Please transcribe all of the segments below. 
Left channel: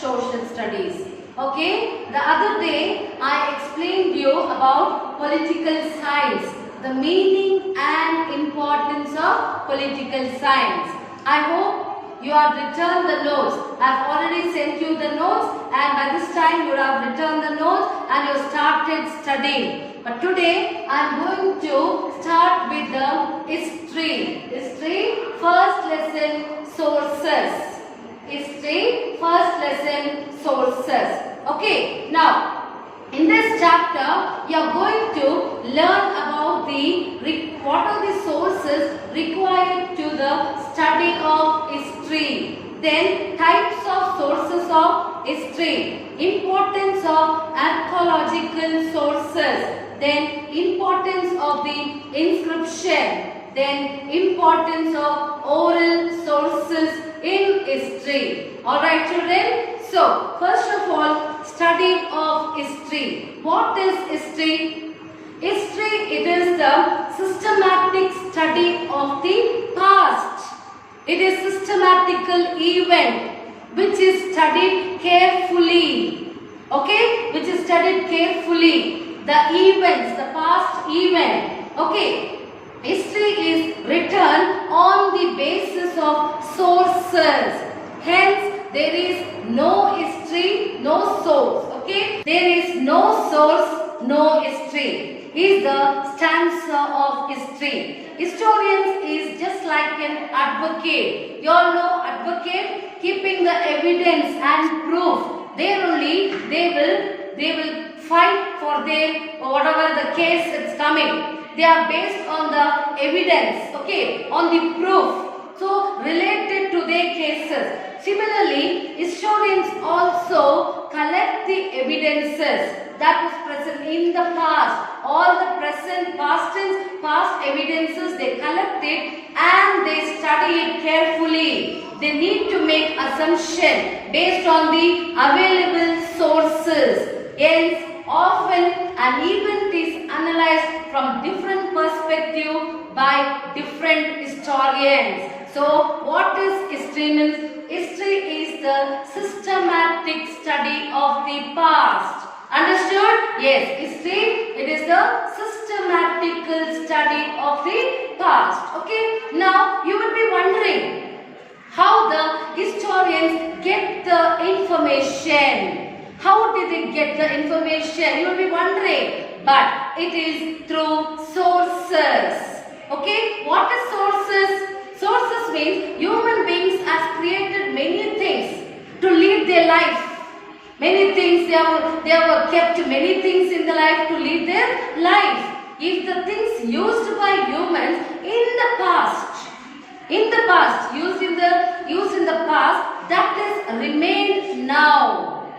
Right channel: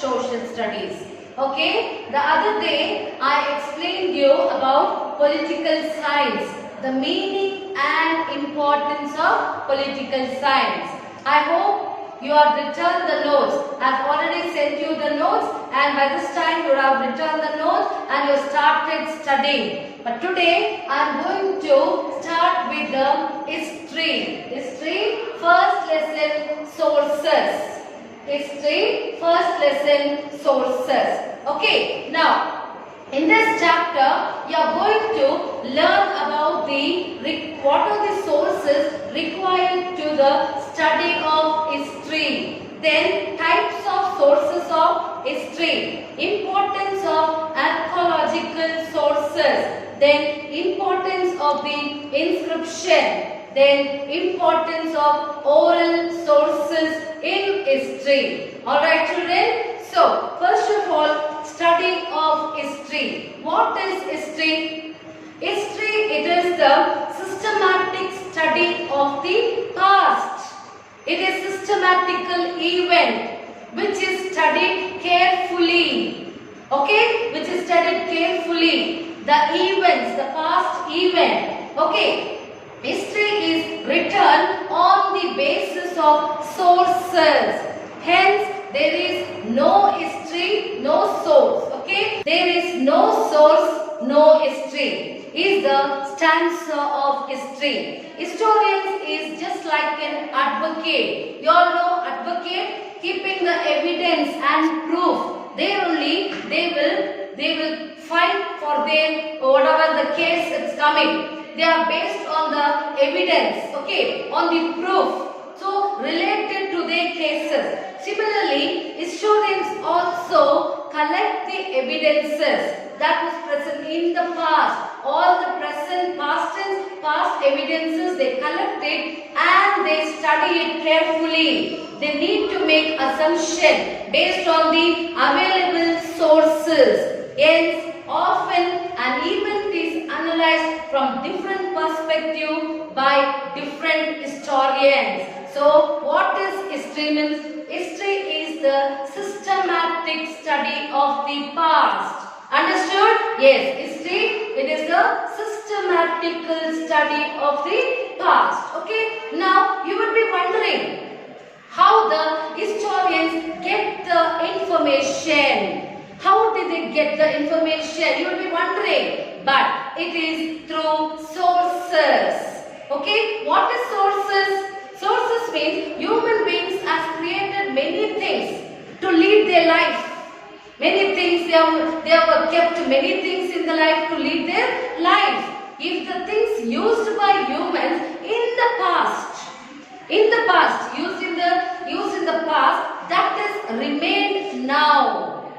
social studies. Okay, the other day I explained you about political science, the meaning and importance of political science. I hope you have returned the notes. I have already sent you the notes, and by this time you have returned the notes and you started studying. But today I am going to start with the history. History, first lesson, sources. History, first lesson, sources. Okay, now in this chapter we are going to learn about what are the sources required to the study of history. Then types of sources of history, importance of archaeological sources, then importance of the inscription, then importance of oral sources in history. Alright children, so first of all, study of history. What is history? History, it is the systematic study of the past. It is systematical event which is studied carefully. Okay, which is studied carefully. The events, the past event. Okay. History is written on the basis of sources. Hence, there is no history, no source. Okay? There is no source, no history. Is the stanza of history. Historians is just like an advocate. You all know advocate, keeping the evidence and proof. There only they will fight for them whatever the case is coming. They are based on the evidence, okay, on the proof, so related to their cases. Similarly, historians also collect the evidences that was present in the past. All the present, past tense, past evidences, they collect it and they study it carefully. They need to make assumption based on the available sources. Hence, often an event is analyzed from different perspective by different historians. So, what is history means? History is the systematic study of the past. Understood? Yes, history, it is the systematical study of the past. Okay, now you will be wondering how the historians get the information. How did they get the information? You will be wondering. But it is through sources. Okay? What is sources? Sources means human beings have created many things to lead their life. Many things they have kept many things in the life to lead their life. If the things used by humans used in the past, that is remained now.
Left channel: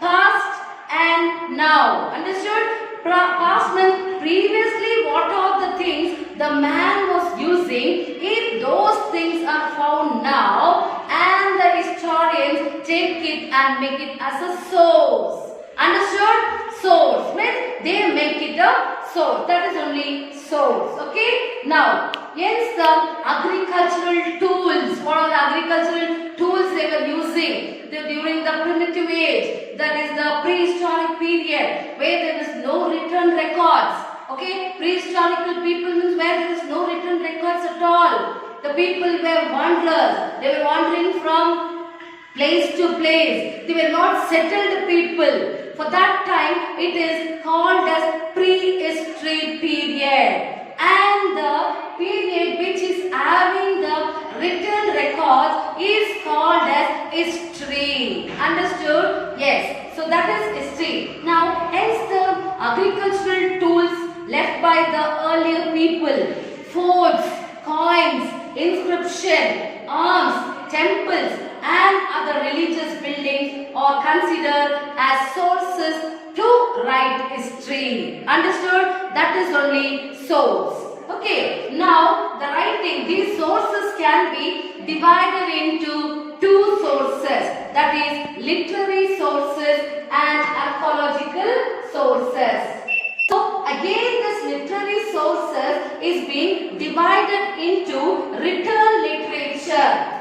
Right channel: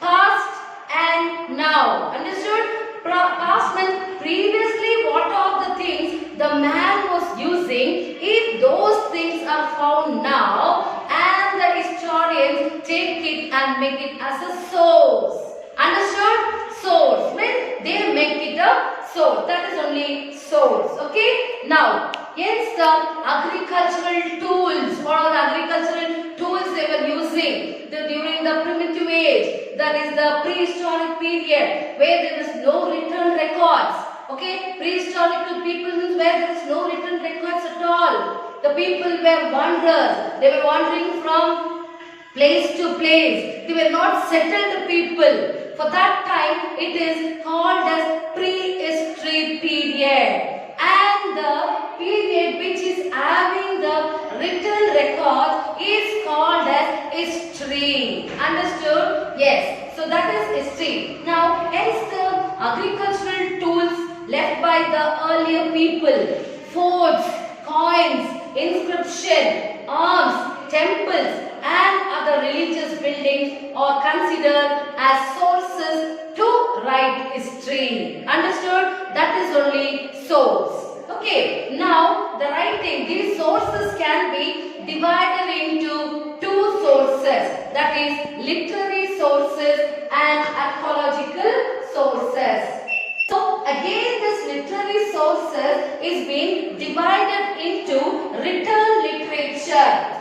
Past and now. Understood? Past means previously what are the things the man was using. If those things are found now and the historians take it and make it as a source. Understood? Source means they make it a source. That is only source. Okay? Now, hence the agricultural tools. What are the agricultural tools they were using during the primitive age? That is the prehistoric period where there is no written records. Okay, prehistoric people means where there is no written records at all. The people were wanderers. They were wandering from place to place. They were not settled people. For that time, it is called as prehistory period. And the period which is having the written record is called as history. Understood? Yes. So that is history. Now, hence the agricultural tools left by the earlier people, forts, coins, inscription, arms, temples and other religious buildings are considered as sources to write history. Understood? That is only source. Okay, now the writing, these sources can be divided into two sources, that is literary sources and archaeological sources. So again this literary sources is being divided into written literature.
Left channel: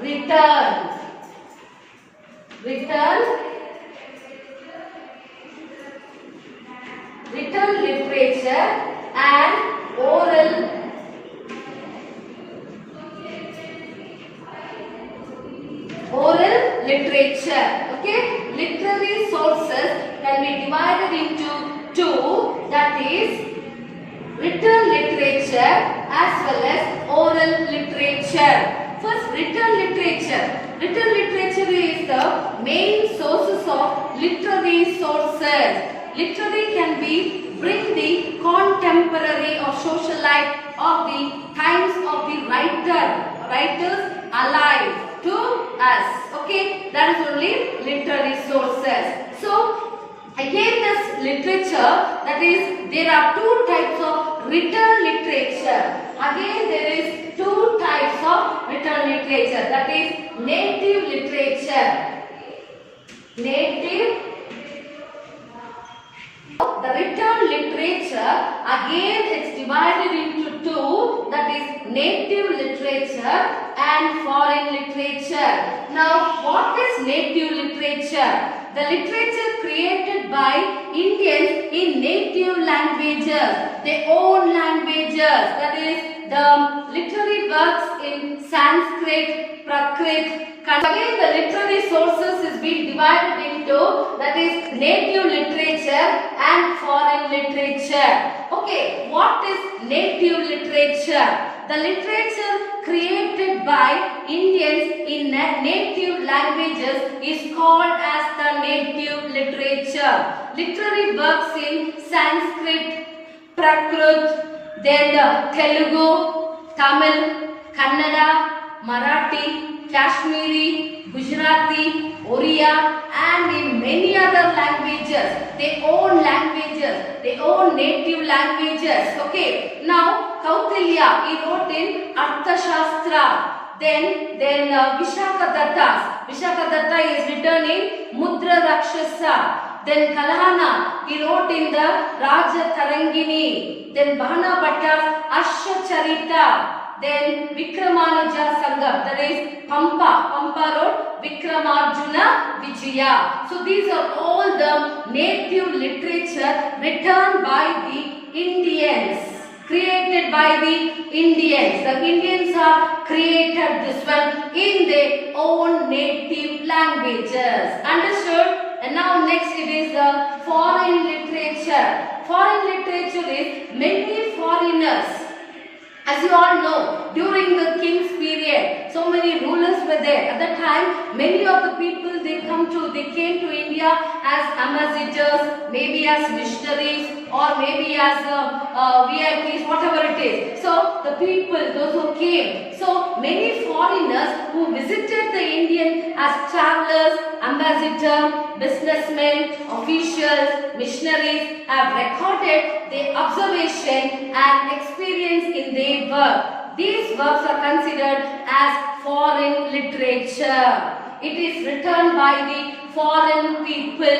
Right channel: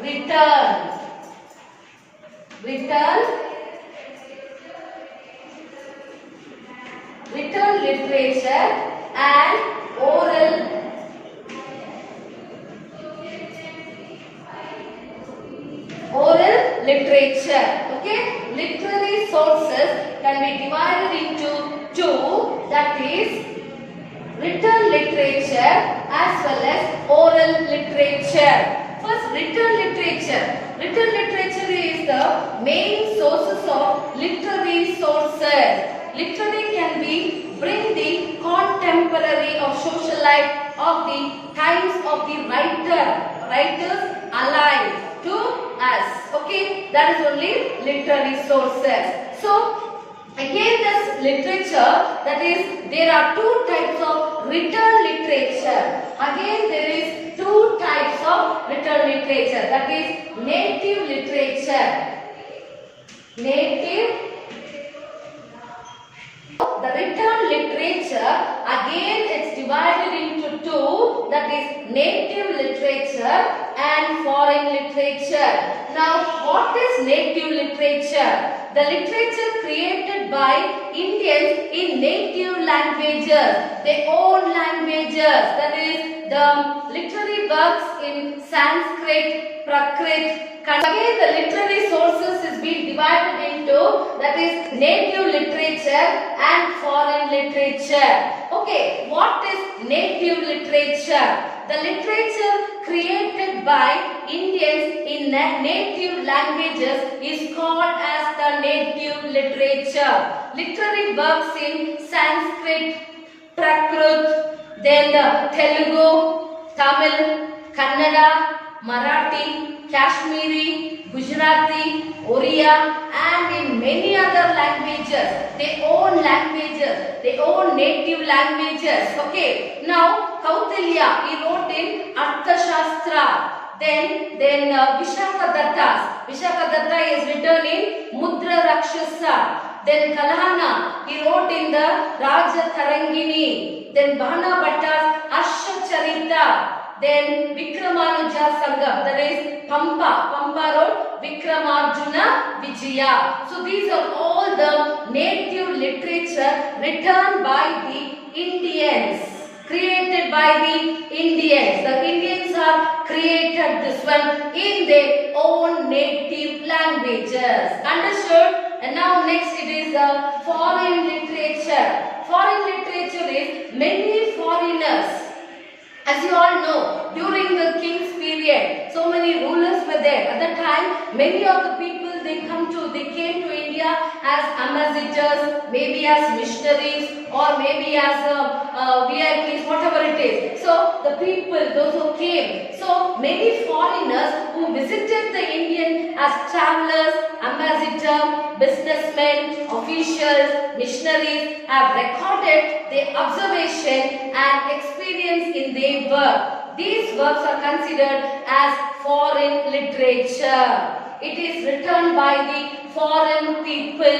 Written written literature and oral literature. Okay, literary sources can be divided into two, that is written literature as well as oral literature. First, written literature. Written literature is the main sources of literary sources. Literary can be bring the contemporary or social life of the times of the writers alive to us. Okay, that is only literary sources. So again, this literature, that is, there are two types of written literature. Again, there is two types of written literature, that is native literature. The written literature, again it's divided into two, that is native literature and foreign literature. Now, what is native literature? The literature created by Indians in native languages, their own languages, that is the literary works in Sanskrit, Prakrit. Again, the literary sources is being divided into, that is native literature and foreign literature. Okay, what is native literature? The literature created by Indians in native languages is called as the native literature. Literary works in Sanskrit, Prakrit, then Telugu, Tamil, Kannada, Marathi, Kashmiri, Gujarati, Oriya, and in many other languages, their own native languages. Okay, now Kautilya, he wrote in Arthashastra. Then Vishakadatta is written in Mudra Rakshasa. Then Kalhana, he wrote in the Raja Tarangini. Then Bhana Bhatta's Ashacharita. Then Vikramanuja Sangam, that is Pampa wrote Vikramarjuna Vijaya. So these are all the native literature written by the Indians, created by the Indians. The Indians have created this one in their own native languages. Understood? And now next it is the foreign literature. Foreign literature is many foreigners. As you all know, during the king's period, so many rulers were there. At that time, many of the people they came to India as ambassadors, maybe as missionaries, or maybe as VIPs, whatever it is. So the people, those who came, so many foreigners who visited the Indian as travelers, ambassadors, businessmen, officials, missionaries have recorded their observation and experience in their work. These works are considered as foreign literature. It is written by the foreign people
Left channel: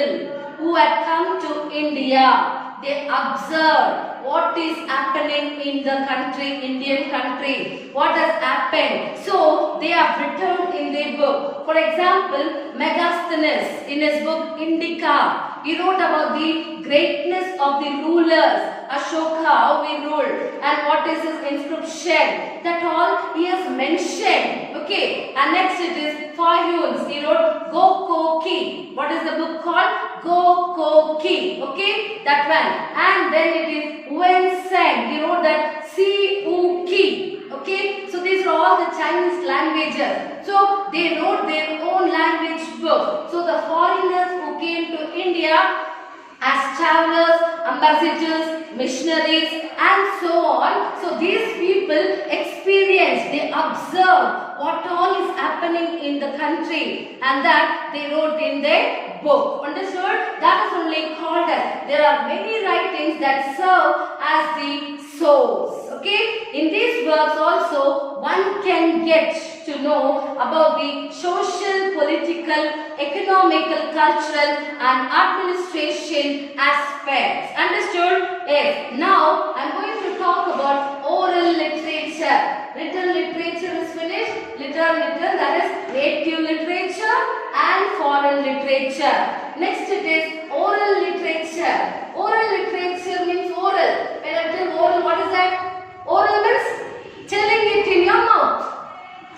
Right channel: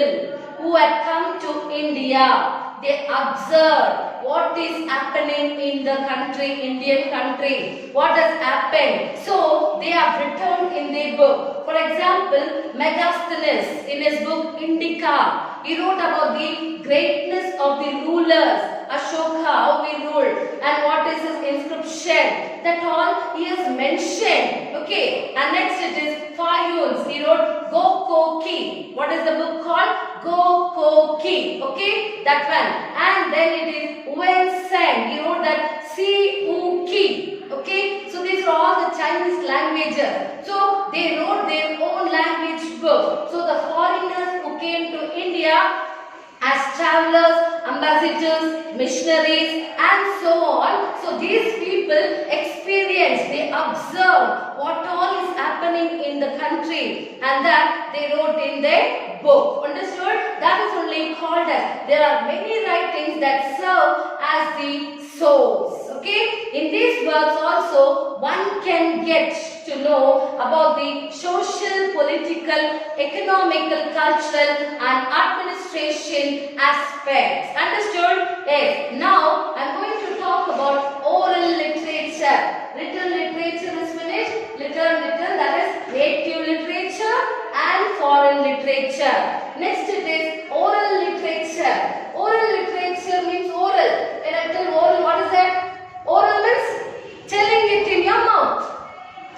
who had come to India. They observed what is happening in the country, Indian country, what has happened. So they have written in their book. For example, Megasthenes in his book Indica, he wrote about the greatness of the rulers, Ashoka, how he ruled, and what is his inscription. That all he has mentioned. Okay, and next it is Fayuns. He wrote Gokoki. What is the book called? Gokoki. Okay, that one. And then it is Wen Sen. He wrote that Siuki. Okay, so these are all the Chinese languages. So they wrote their own language book. So the foreigners who came to India as travelers, ambassadors, missionaries, and so on. So these people experienced, they observed what all is happening in the country, and that they wrote in their book. Understood? That is only called as, there are many writings that serve as the source. Okay? In these works also, one can get to know about the social, political, economical, cultural, and administration aspects. Understood? Yes. Now, I am going to talk about oral literature. Written literature is finished. Written, that is native literature and foreign literature. Next it is oral literature. Oral literature means oral. When I tell oral, what is that? Oral means telling it in your mouth.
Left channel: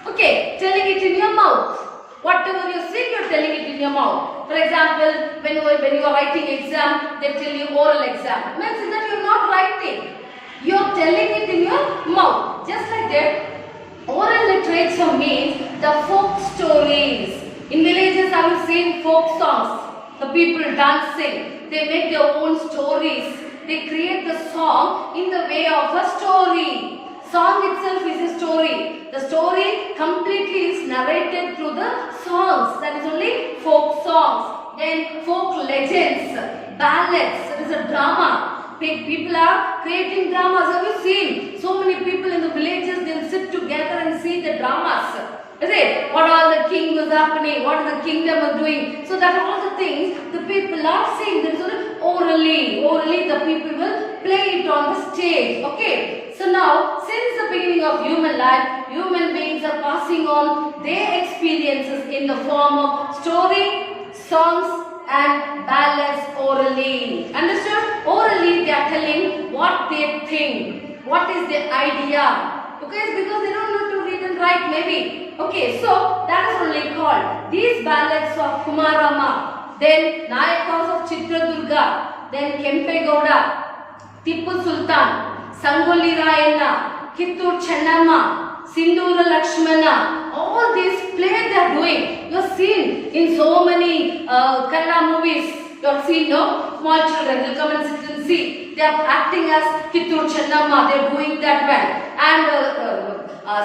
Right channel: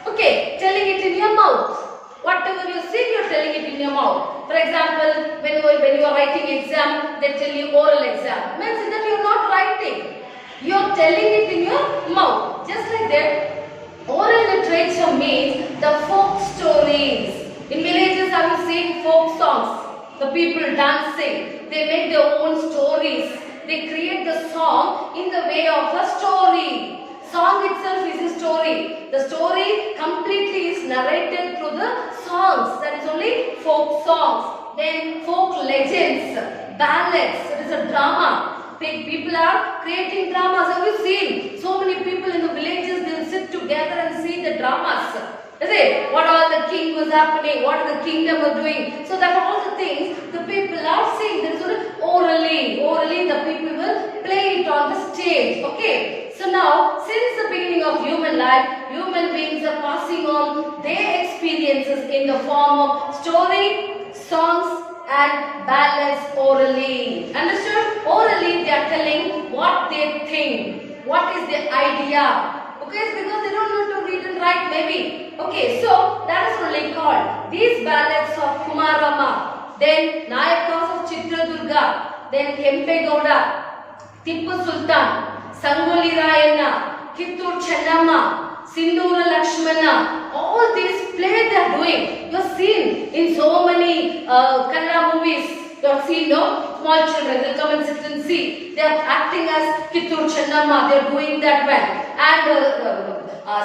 Okay, telling it in your mouth. Whatever you see, you are telling it in your mouth. For example, when you are writing exam, they tell you oral exam. Means that you are not writing. You are telling it in your mouth. Just like that, oral literature means the folk stories. In villages, have you seen folk songs? The people dancing. They make their own stories. They create the song in the way of a story. Song itself is a story. The story completely is narrated through the songs. That is only folk songs. Then folk legends, ballads. That is a drama. People are creating dramas. Have you seen? So many people in the villages, they will sit together and see the dramas. Is it? What all the king was happening, what the kingdom was doing. So that all the things the people are seeing. There is orally the people will play it on the stage. Okay. So now, since the beginning of human life, human beings are passing on their experiences in the form of story, songs and ballads orally. Understood? Orally they are telling what they think, what is their idea. Okay, because they don't know to read and write maybe. Okay, so that is only called these ballads of Kumarama, then Nayakas of Chitradurga, then Kempe Gowda, Tipu Sultan, Sangoli Rayana, Kittur Chennamma, Sindhura Lakshmana, all these plays they are doing. You have seen in so many Kannada movies. You have seen, no? Small children will come and sit and see. They are acting as Kittur Chennamma. They are doing that well. And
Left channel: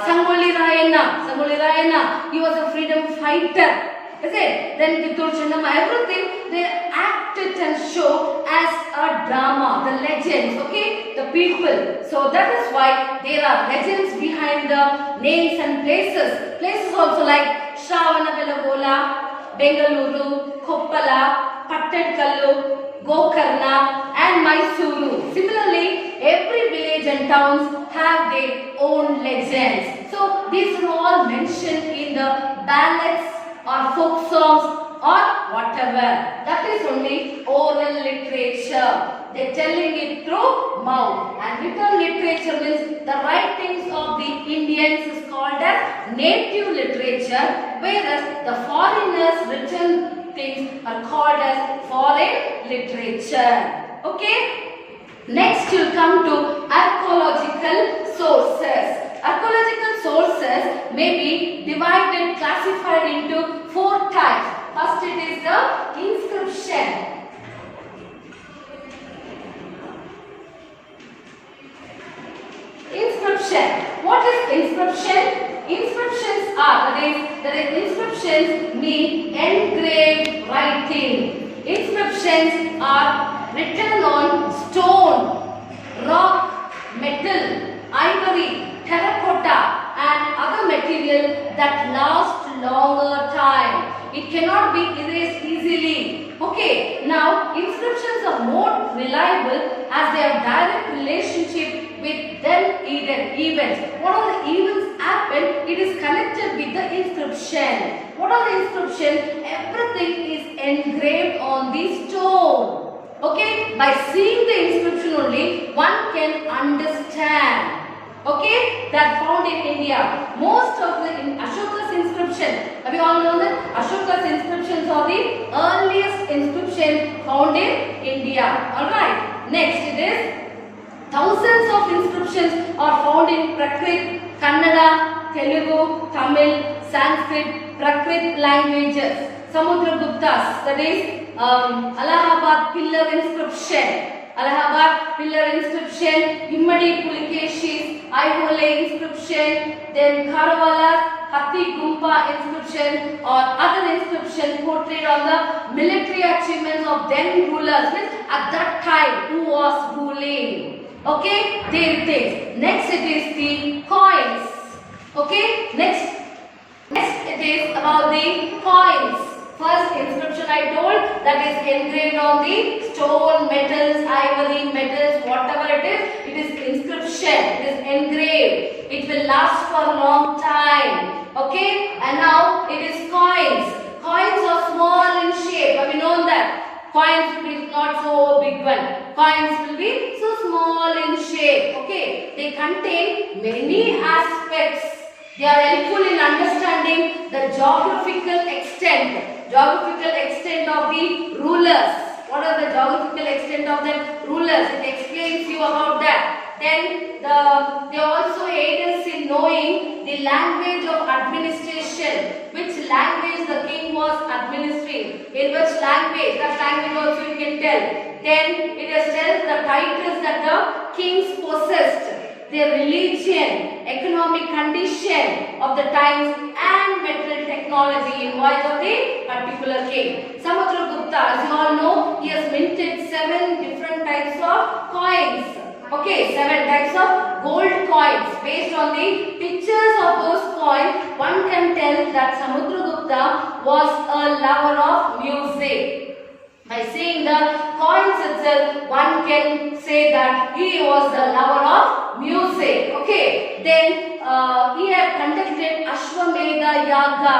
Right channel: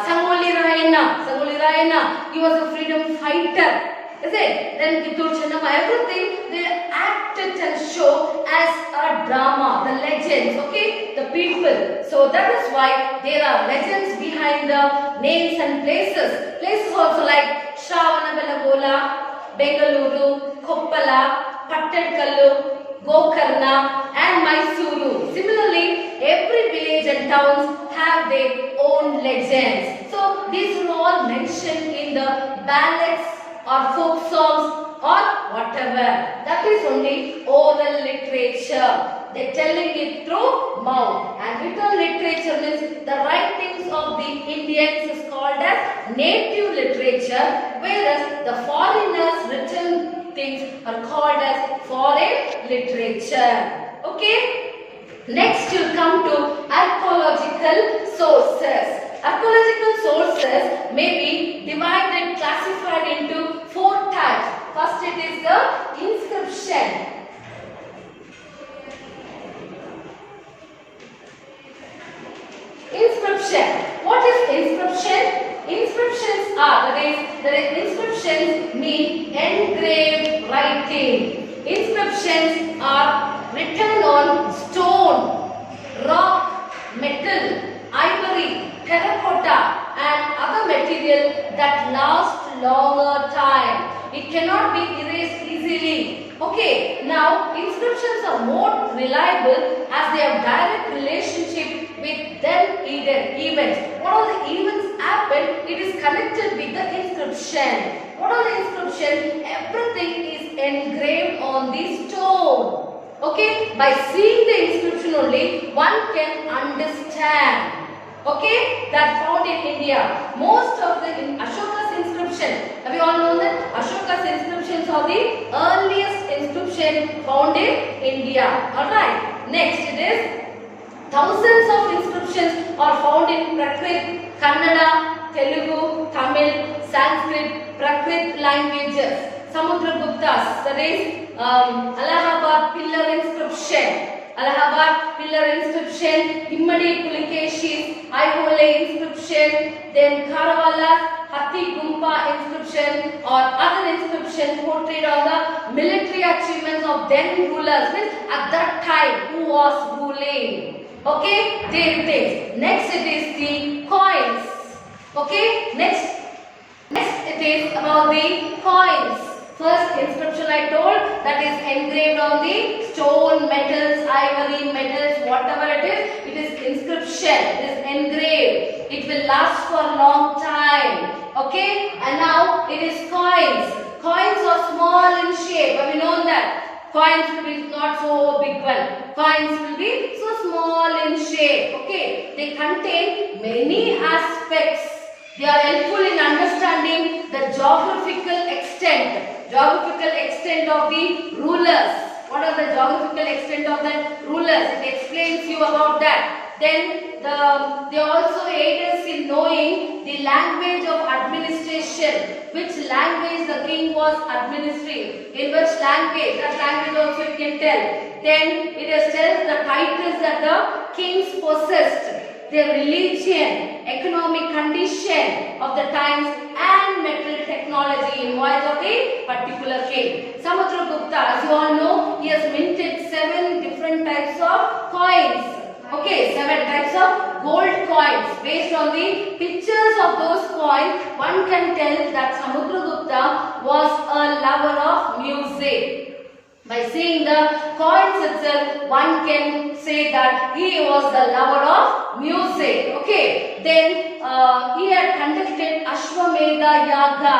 Sangoli Rayana, he was a freedom fighter. Is it? Then Kittur Chennamma, everything they act it and show as a drama, the legends, okay, the people. So that is why there are legends behind the names and places. Places also like Shravanabelagola, Bengaluru, Koppala, Pattadkallu, Gokarna and Mysuru. Similarly, every village and towns have their own legends. So these are all mentioned in the ballads or folk songs or whatever. That is only oral literature. They are telling it through mouth. And written literature means the writings of the Indians is called as native literature, whereas the foreigners written things are called as foreign literature. Okay? Next you come to archaeological sources. Archaeological sources may be divided, classified into 4 types. First it is the inscription. Inscription. What is inscription? Inscriptions are, that is inscriptions mean engraved writing. Inscriptions are written on stone, rock, metal, ivory, terracotta and other material that last longer time. It cannot be erased easily. Okay, now inscriptions are more reliable as they have direct relationship with then events. What all the events happen, it is connected with the inscription. What are the inscription? Everything is engraved on the stone. Okay, by seeing the inscription only, one can understand. Okay, that found in India. Most of the Ashoka's inscription, have you all known that Ashoka's inscriptions are the earliest inscription found in India. Alright, next it is thousands of inscriptions are found in Prakrit, Kannada, Telugu, Tamil, Sanskrit, Prakrit languages. Samudragupta's, that is Allahabad pillar inscription. Allahabad pillar inscription, Immadi Pulikeshi's Aihole inscription, then Kharwala's Hathi Gumpa inscription or other inscription portrayed on the military achievements of then rulers, means at that time who was ruling. Okay, there it is. Next it is the coins. Okay, next it is about the coins. First inscription I told, that is engraved on the stone, metals, ivory, metals, whatever it is inscription, it is engraved. It will last for a long time. Okay, and now it is coins. Coins are small in shape. Have you known that? Coins will be not so big one. Coins will be so small in shape. Okay. They contain many aspects. They are helpful in understanding the geographical extent. Geographical extent of the rulers. What are the geographical extent of the rulers? It explains you about that. Then they also aid us in knowing the language of administration. Which language the king was administering. In which language? That language also you can tell. Then it has tells the titles that the kings possessed. Their religion, economic condition of the times and material technology involved of the particular king. Samudragupta, as you all know, he has minted 7 different types of coins. Okay, 7 types of gold coins. Based on the pictures of those coins, one can tell that Samudragupta was a lover of music. By seeing the coins itself, one can say that he was the lover of music. Okay. Then he had conducted Ashwamedha Yaga.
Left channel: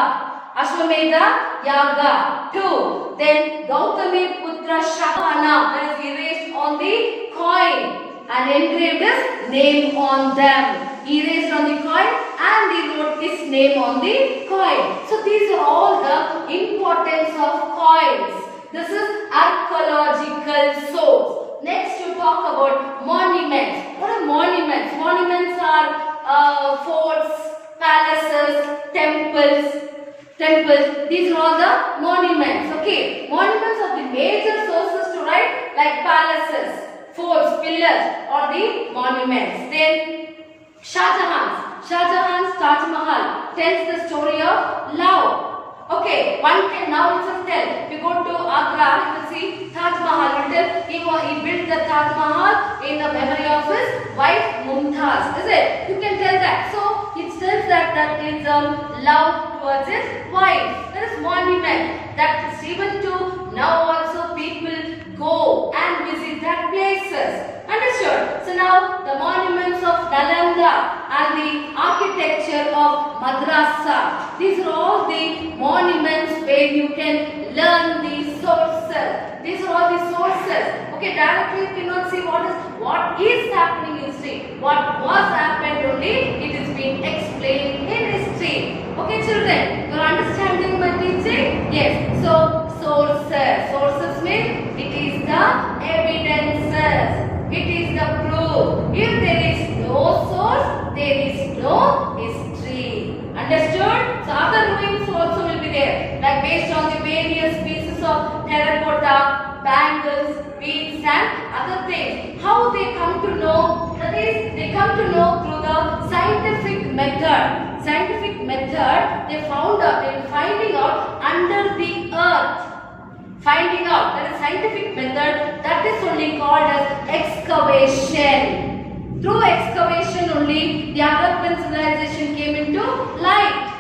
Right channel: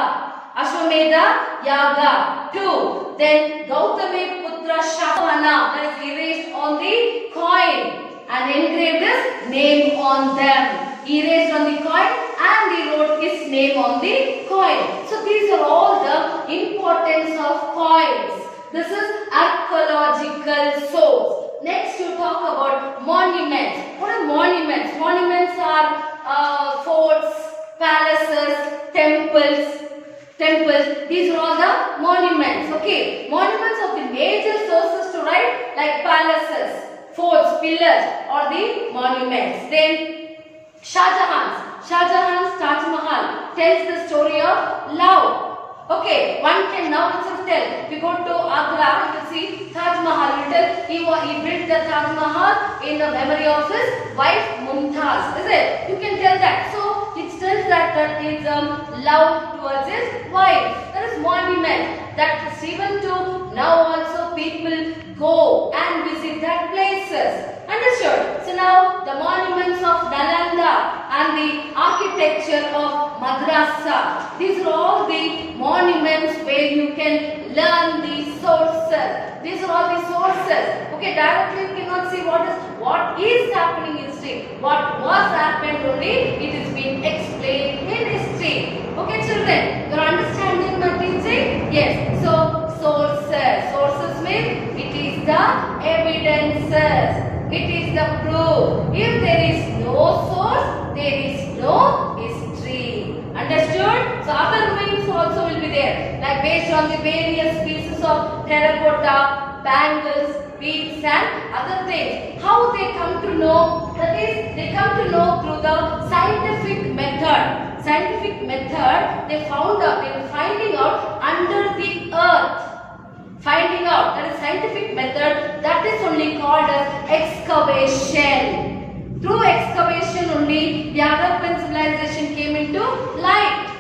Ashwamedha Yaga. 2. Then Gautami Putra Shapana, that is erased on the coin and engraved his name on them. He erased on the coin and he wrote his name on the coin. So these are all the importance of coins. This is archaeological source. Next you talk about monuments. What are monuments? Monuments are forts, palaces, temples. These are all the monuments. Okay. Monuments are the major sources to write, like palaces, forts, pillars, or the monuments. Then Shahjahan's Taj Mahal tells the story of love. Okay, one can now itself tell. If you go to Agra, you can see Taj Mahal. He built the Taj Mahal in the memory of his wife Mumtaz. Is it? You can tell that. So it tells that is love towards his wife. There is monument that is even to now also people go and visit that places. Understood? So now the monuments of Nalanda and the architecture of Madrasa. These are all the monuments where you can learn the sources. These are all the sources. Okay, directly you cannot see what is happening in history. What was happened only, it is being explained in history. Okay, children, you are understanding my teaching? Yes. So sources. Sources means it is the evidences. It is the proof. If there is no source, there is no history. Understood? So other ruins also will be there. Like based on the various pieces of terracotta, bangles, beads and other things. How they come to know? That is, they come to know through the scientific method. Scientific method, they are finding out under the earth. Finding out, that is scientific method, that is only called as excavation. Through excavation only the Harappan civilization came into light.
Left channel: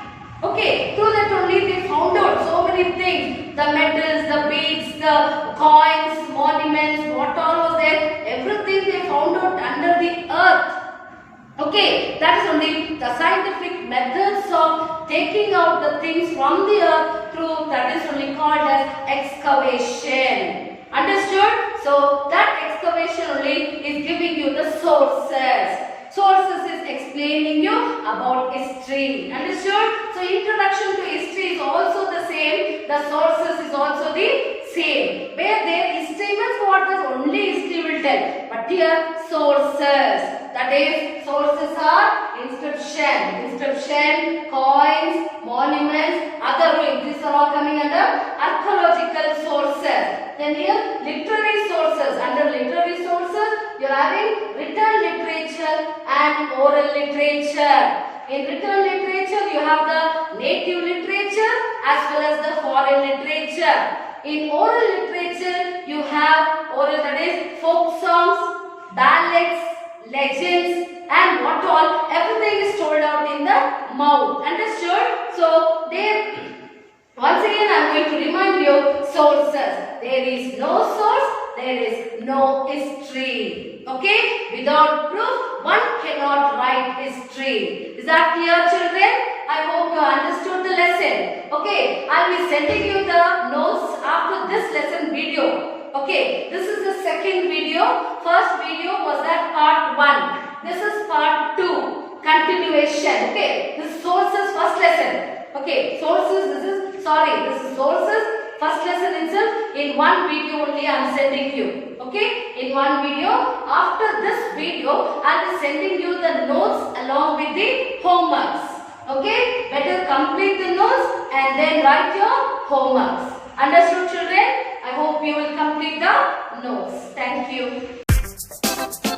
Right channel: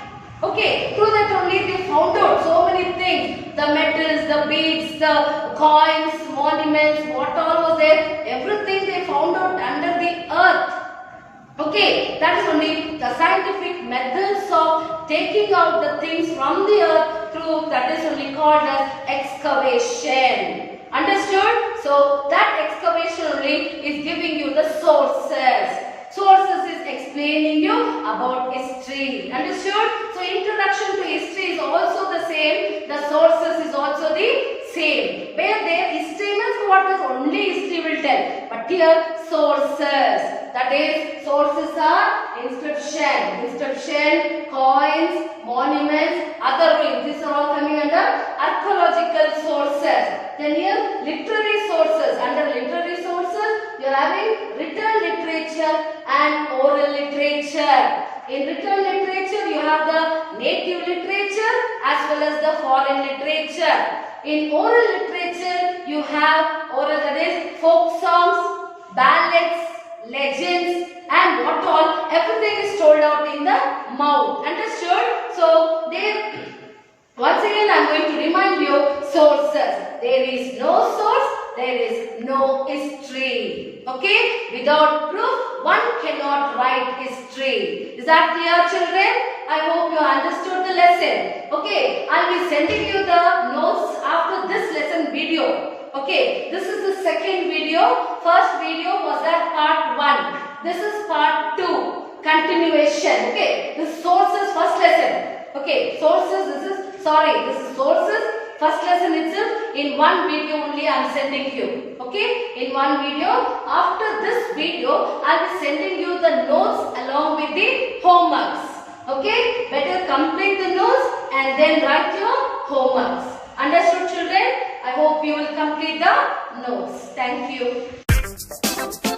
Okay, through that only they found out so many things. The metals, the beads, the coins, monuments, what all was there, everything they found out under the earth. Okay, that is only the scientific methods of taking out the things from the earth through, that is only called as excavation. Understood? So that excavation only is giving you the sources. Sources is explaining you about history. Understood? So introduction to history is also the same. The sources is also the same. Where there history means what is only history will tell. But here sources. That is, sources are inscription, coins, monuments, other ruins. These are all coming under archaeological sources. Then here literary sources. Under literary sources, you are having written literature and oral literature. In written literature, you have the native literature as well as the foreign literature. In oral literature, you have oral, that is folk songs, ballads, legends and what all, everything is told out in the mouth. Understood? So there, once again I am going to remind you sources. there is no source, there is no history. Okay? Without proof, one cannot write history. Is that clear, children? I hope you understood the lesson. Okay, I'll be sending you the notes after this lesson video. Okay, this is the second video. First video was that part 1. This is part 2. Continuation. Okay, this sources first lesson. Okay, sources, this is sources. First lesson itself, in one video only I am sending you. Okay, in one video. After this video, I will be sending you the notes along with the homeworks. Okay, better complete the notes and then write your homeworks. Understood, children? I hope you will complete the notes. Thank you.